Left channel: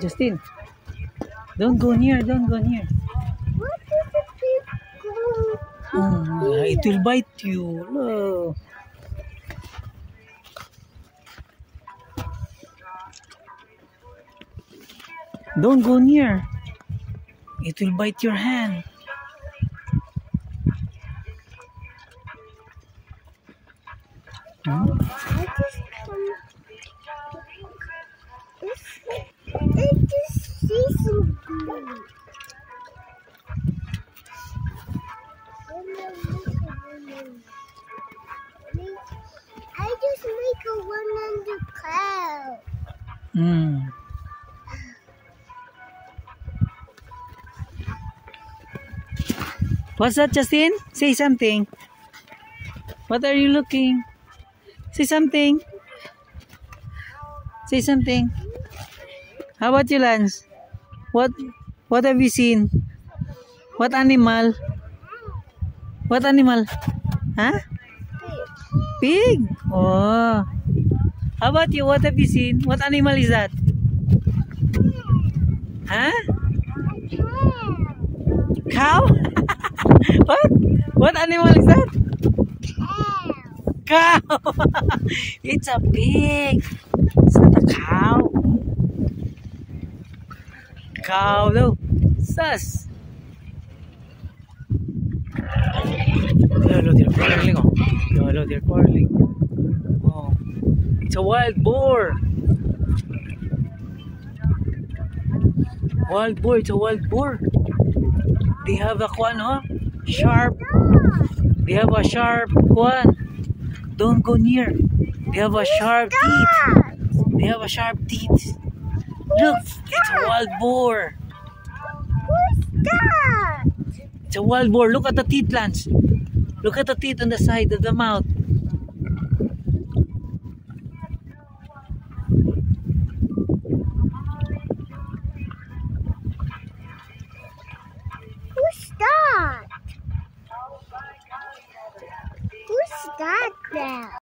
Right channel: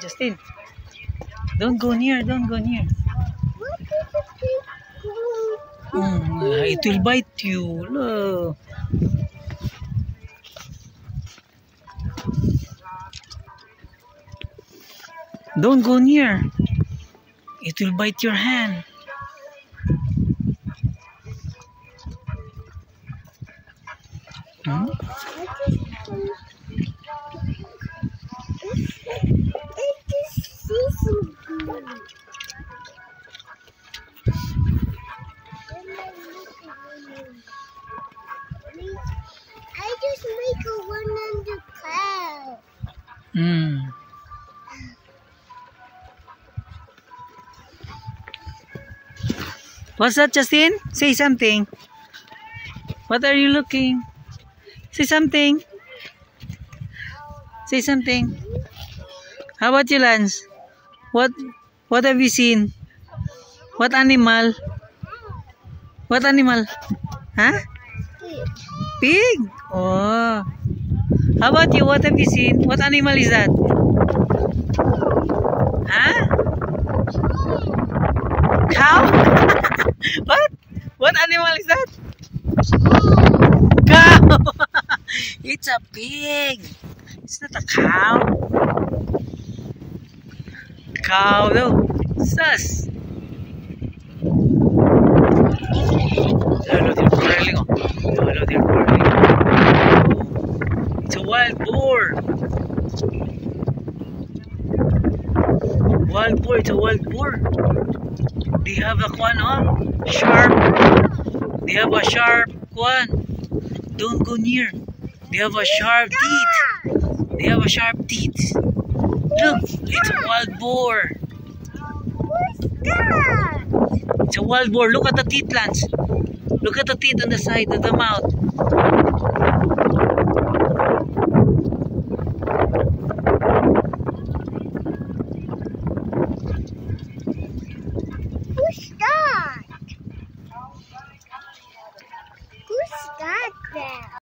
Justin, don't go near, don't go near. What did the pig go? It will bite you. Look. Don't go near. It will bite your hand. It just sees some glue. I just make a one on the cloud. What's that, Justin? Say something. What are you looking? Say something. Say something. How about you, Lance? What have you seen? What animal? What animal? Huh? Pig. Oh. How about you? What have you seen? What animal is that? Huh? Cow? What? What animal is that? Cow. It's a pig. It's not a cow. Cow though. Sus. Hello, they're quarreling. Hello, they're quarreling. Oh. It's a wild boar. Wild boar. It's a wild boar. They have a kwan, huh? Sharp. They have a sharp kwan. Don't go near. They have a sharp teeth. They have a sharp teeth. Look, it's a wild boar. Who's that? It's a wild boar. Look at the teeth, Lance. Look at the teeth on the side of the mouth.